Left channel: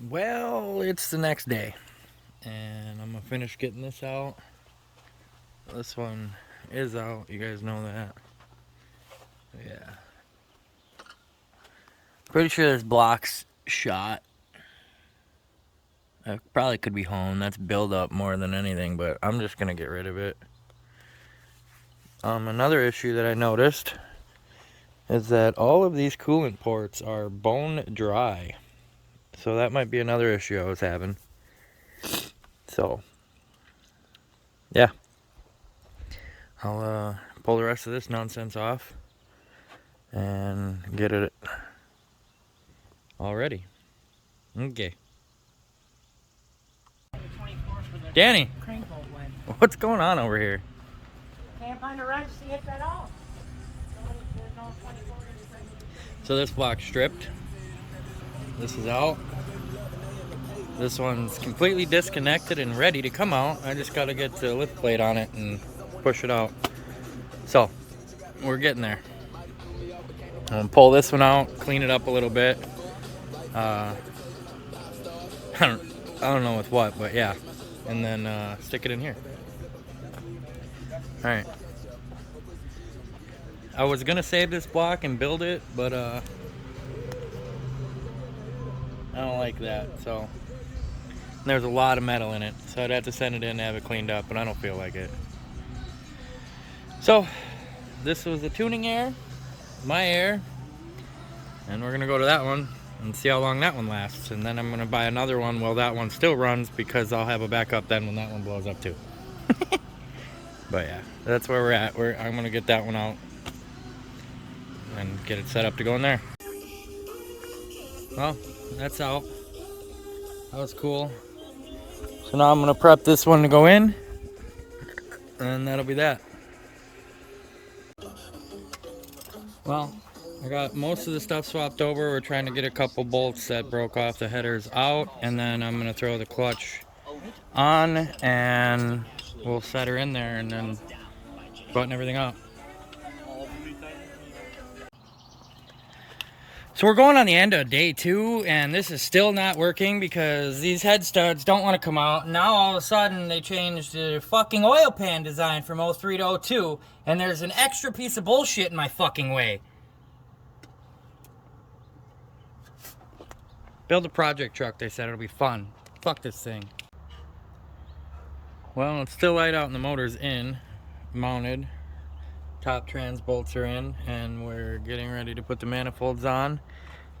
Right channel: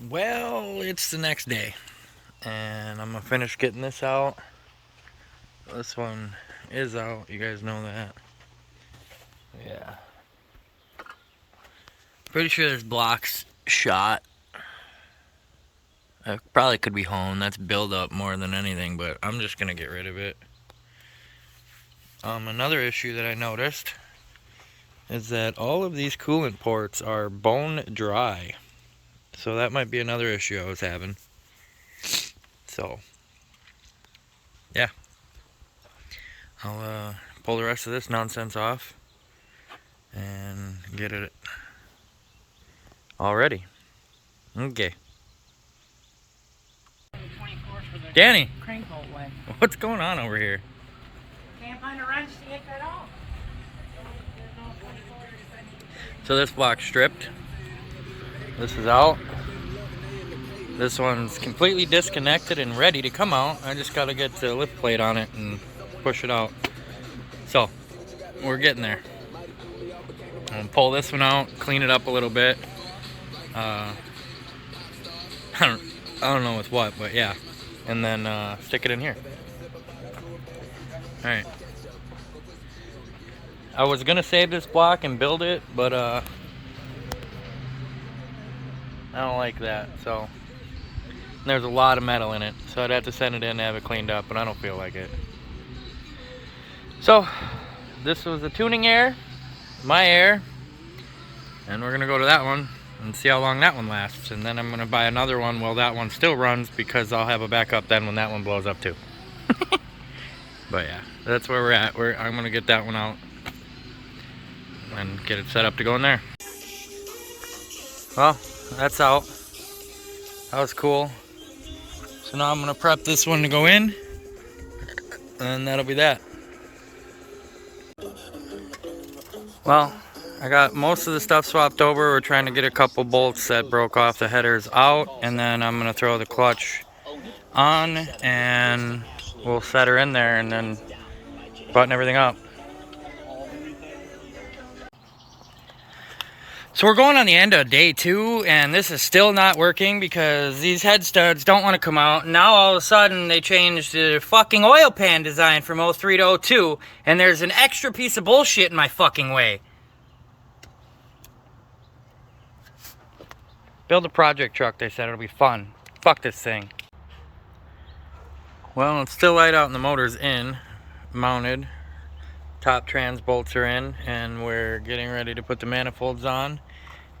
Well, it's the next day, and I'm gonna finish getting this out. This one is out, you guys know that. Yeah. Pretty sure this block's shot. It probably could be honed. That's build-up more than anything, but I'm just gonna get rid of it. Another issue that I noticed is that all of these coolant ports are bone dry. So that might be another issue I was having. So, yeah. I'll pull the rest of this nonsense off and get it all ready. Okay. Danny, Crank bolt went. what's going on over here? Can't find a wrench to get that off. So this block's stripped. This is out. This one's completely disconnected and ready to come out. I just gotta get the lift plate on it and push it out. So, we're getting there. I'm gonna pull this one out, clean it up a little bit. I don't know with what, but yeah. And then stick it in here. Alright. I was gonna save this block and build it, but I don't like that, so there's a lot of metal in it, so I'd have to send it in to have it cleaned up, but I don't feel like it. So this was the tuning air, my air, and we're gonna go to that one and see how long that one lasts, and then I'm gonna buy another one while that one still runs, because I'll have a backup then when that one blows up too. But yeah, that's where we're at. I'm gonna get that one out and get it set up to go in there. Well, that's out. That was cool. So now I'm gonna prep this one to go in, and that'll be that. Well, I got most of the stuff swapped over. We're trying to get a couple bolts that broke off the headers out, and then I'm gonna throw the clutch on and we'll set her in there and then button everything up. So we're going on the end of day 2, and this is still not working because these head studs don't want to come out. Now all of a sudden they changed the fucking oil pan design from 03 to 02, and there's an extra piece of bullshit in my fucking way. Build a project truck, they said. It'll be fun. Fuck this thing. Well, it's still light out and the motor's in, mounted. Top trans bolts are in, and we're getting ready to put the manifolds on.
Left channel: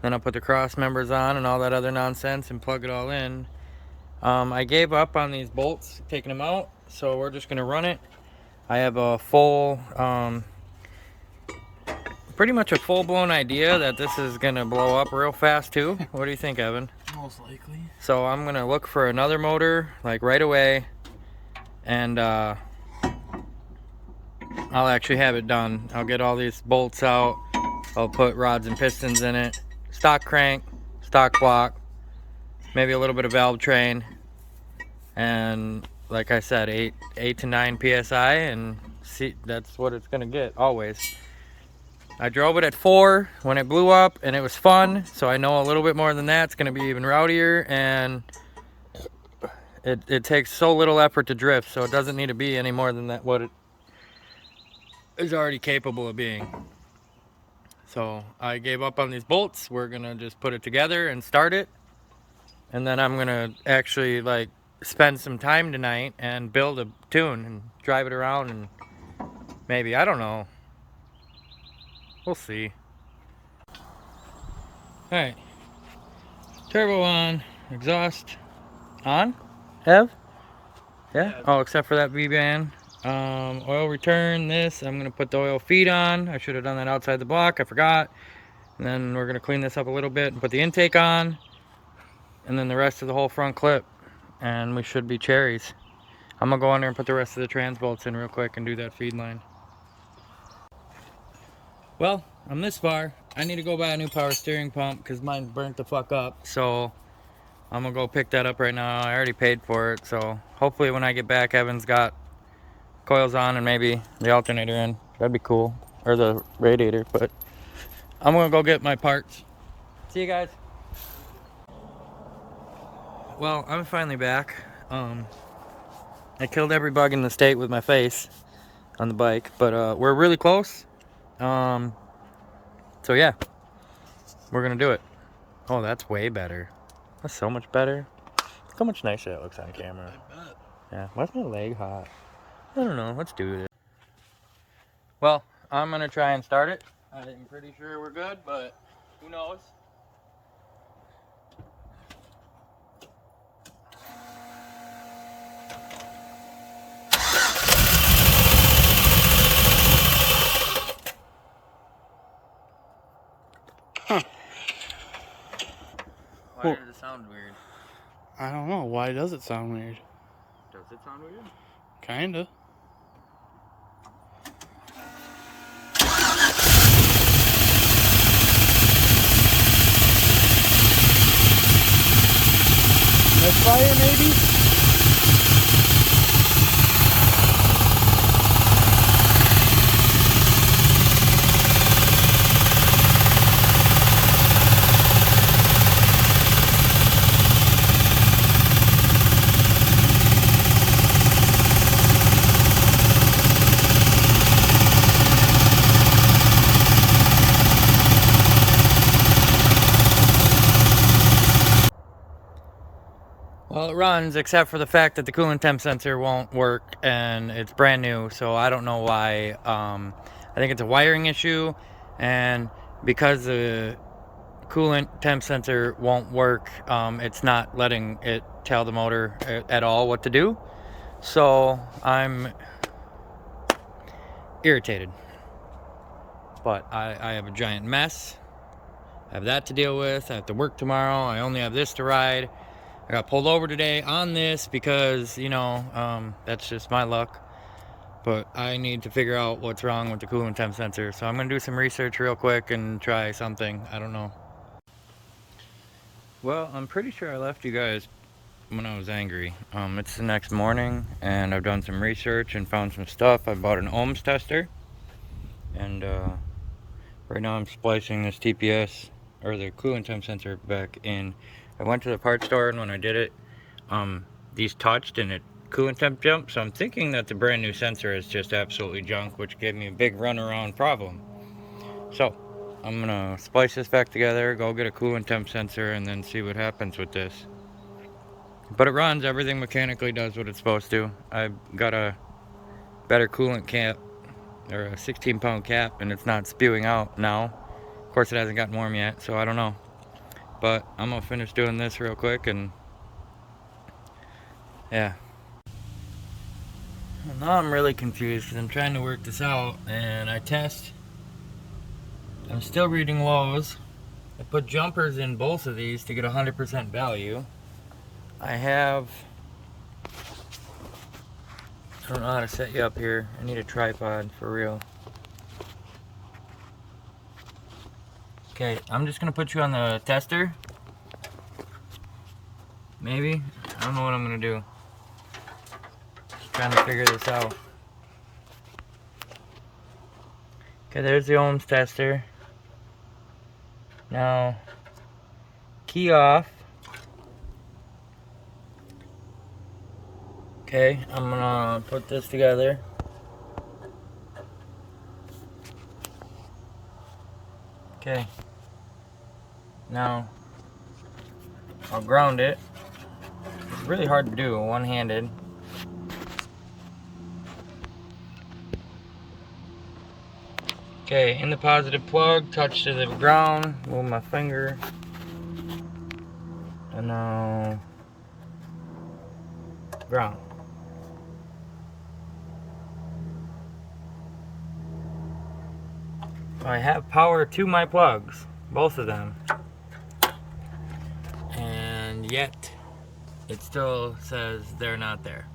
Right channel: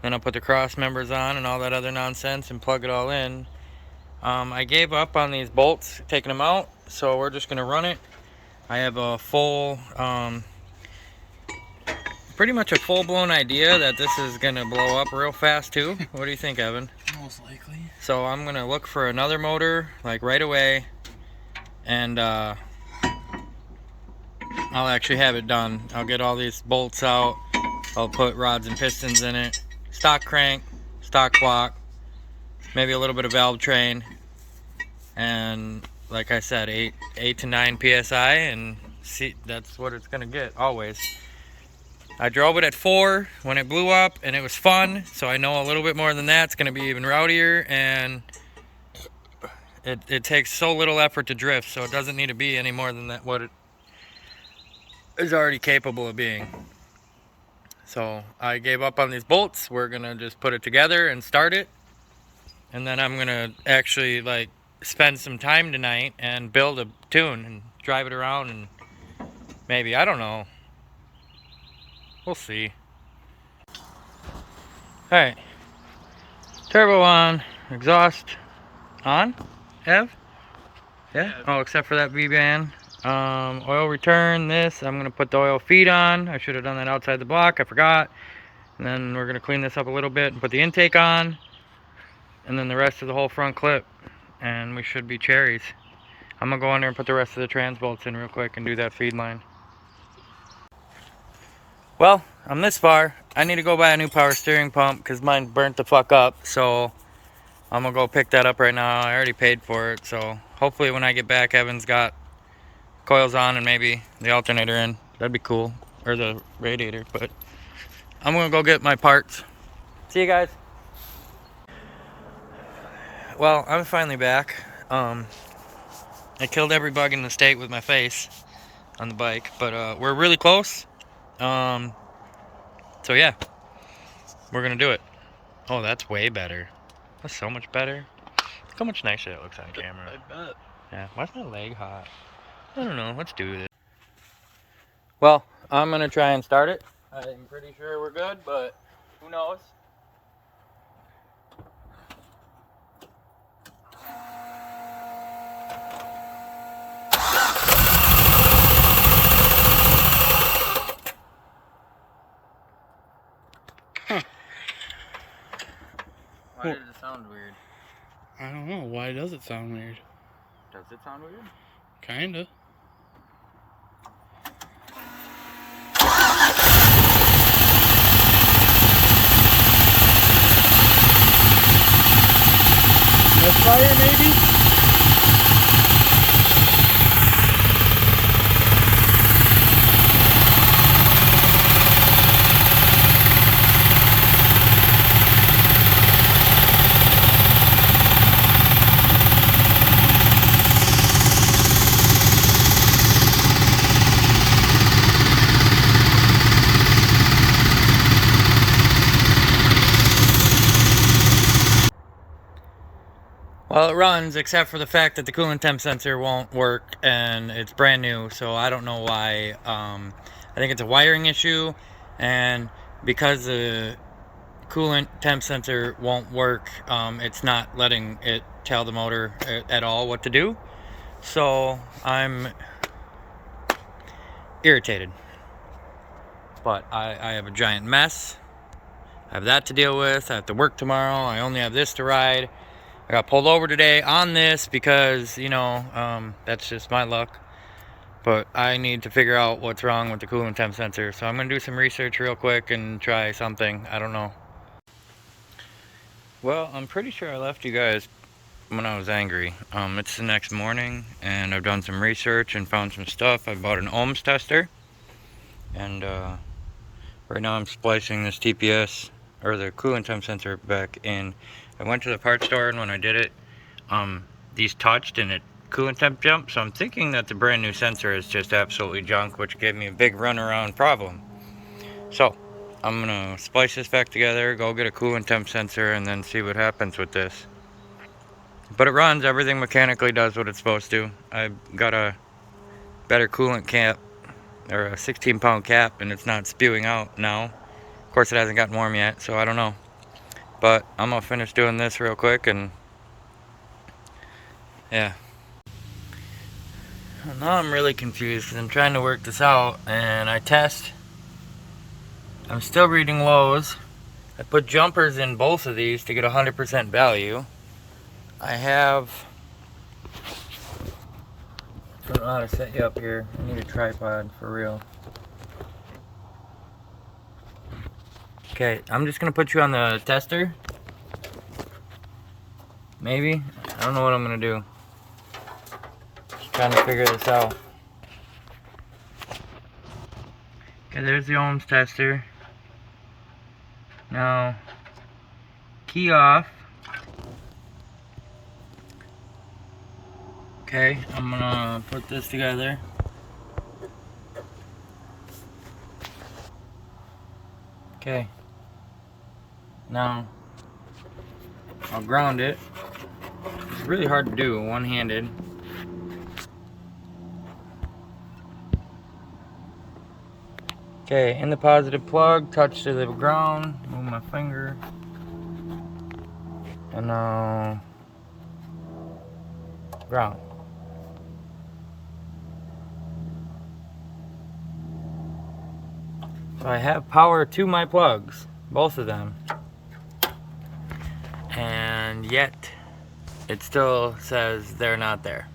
Then I'll put the cross members on and all that other nonsense and plug it all in. I gave up on these bolts, taking them out, so we're just gonna run it. I have a full, pretty much a full-blown idea that this is gonna blow up real fast too. What do you think, Evan? Most likely. So I'm gonna look for another motor, like right away, and I'll actually have it done. I'll get all these bolts out. I'll put rods and pistons in it. Stock crank, stock block, maybe a little bit of valve train, and like I said, 8 to 9 psi, and see, that's what it's gonna get always. I drove it at 4 when it blew up, and it was fun. So I know a little bit more than that. It's gonna be even rowdier, and it takes so little effort to drift, so it doesn't need to be any more than that what it is already capable of being. So I gave up on these bolts. We're gonna just put it together and start it, and then I'm gonna actually like spend some time tonight and build a tune and drive it around, and maybe, I don't know, we'll see. All right, turbo on, exhaust on, Ev? Yeah. Oh, except for that V-band. Oil return, this, I'm gonna put the oil feed on. I should have done that outside the block, I forgot. And then we're gonna clean this up a little bit and put the intake on, and then the rest of the whole front clip, and we should be cherries. I'm gonna go in there and put the rest of the trans bolts in real quick and do that feed line. Well, I'm this far. I need to go buy a new power steering pump because mine burnt the fuck up, so I'm gonna go pick that up right now. I already paid for it, so hopefully when I get back, Evan's got coils on and maybe the alternator in. That'd be cool, or the radiator. But I'm gonna go get my parts. See you guys. well, I'm finally back. I killed every bug in the state with my face on the bike, but we're really close. So yeah, we're gonna do it. Oh, that's way better. That's so much better. Look how much nicer that looks on camera. I bet. Yeah, why's my leg hot? I don't know, let's do this. Well, I'm gonna try and start it. I'm pretty sure we're good, but who knows? Why did it sound weird? I don't know. Why does it sound weird? Does it sound weird? Kinda. Misfire, maybe? Well, it runs, except for the fact that the coolant temp sensor won't work, and it's brand new, so I don't know why. I think it's a wiring issue, and because the coolant temp sensor won't work, it's not letting it tell the motor at all what to do. So I'm irritated. But I have a giant mess. I have that to deal with. I have to work tomorrow. I only have this to ride. I got pulled over today on this because, you know, that's just my luck. But I need to figure out what's wrong with the coolant temp sensor. So I'm going to do some research real quick and try something. I don't know. Well, I'm pretty sure I left you guys when I was angry. It's the next morning, and I've done some research and found some stuff. I bought an ohms tester. And right now I'm splicing this TPS, or the coolant temp sensor, back in. I went to the parts store, and when I did it, these touched and it coolant temp jumped. So I'm thinking that the brand new sensor is just absolutely junk, which gave me a big runaround problem. So I'm gonna splice this back together, go get a coolant temp sensor, and then see what happens with this. But it runs, everything mechanically does what it's supposed to. I've got a better coolant cap, or a 16-pound cap, and it's not spewing out now. Of course, it hasn't gotten warm yet, so I don't know. But I'm gonna finish doing this real quick, and yeah. Now I'm really confused because I'm trying to work this out, and I test. I'm still reading lows. I put jumpers in both of these to get 100% value. I have, I don't know how to set you up here. I need a tripod for real. Okay, I'm just gonna put you on the tester. Maybe. I don't know what I'm gonna do. Just trying to figure this out. Okay, there's the ohms tester. Now, key off. Okay, I'm gonna put this together. Okay. Now, I'll ground it. It's really hard to do one-handed. Okay, in the positive plug, touch to the ground, move my finger. And now, ground. So I have power to my plugs, both of them. And yet, it still says they're not there.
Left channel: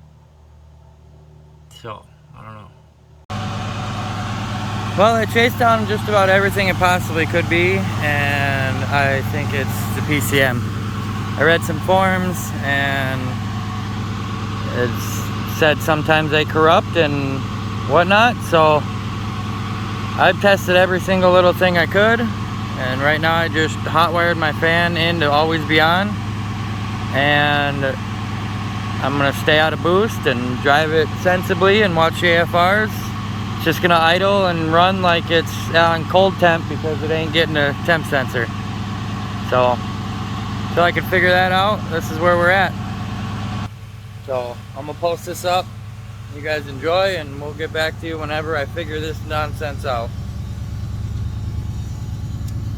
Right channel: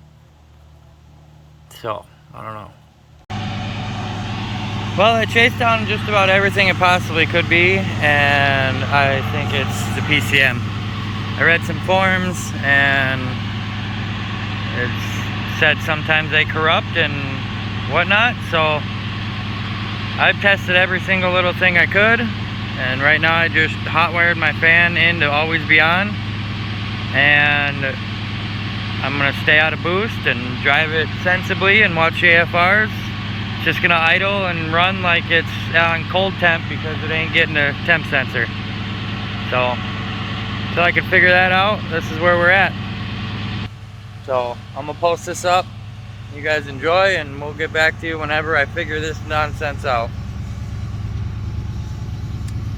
So, I don't know. Well, I chased down just about everything it possibly could be, and I think it's the PCM. I read some forums, and it said sometimes they corrupt and whatnot, so I've tested every single little thing I could, and right now I just hot wired my fan in to always be on, and I'm gonna stay out of boost and drive it sensibly and watch the AFRs. It's just gonna idle and run like it's on cold temp because it ain't getting a temp sensor. So until I can figure that out, this is where we're at. So I'm gonna post this up. You guys enjoy, and we'll get back to you whenever I figure this nonsense out.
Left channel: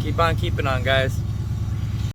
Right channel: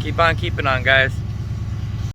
Keep on keeping on, guys.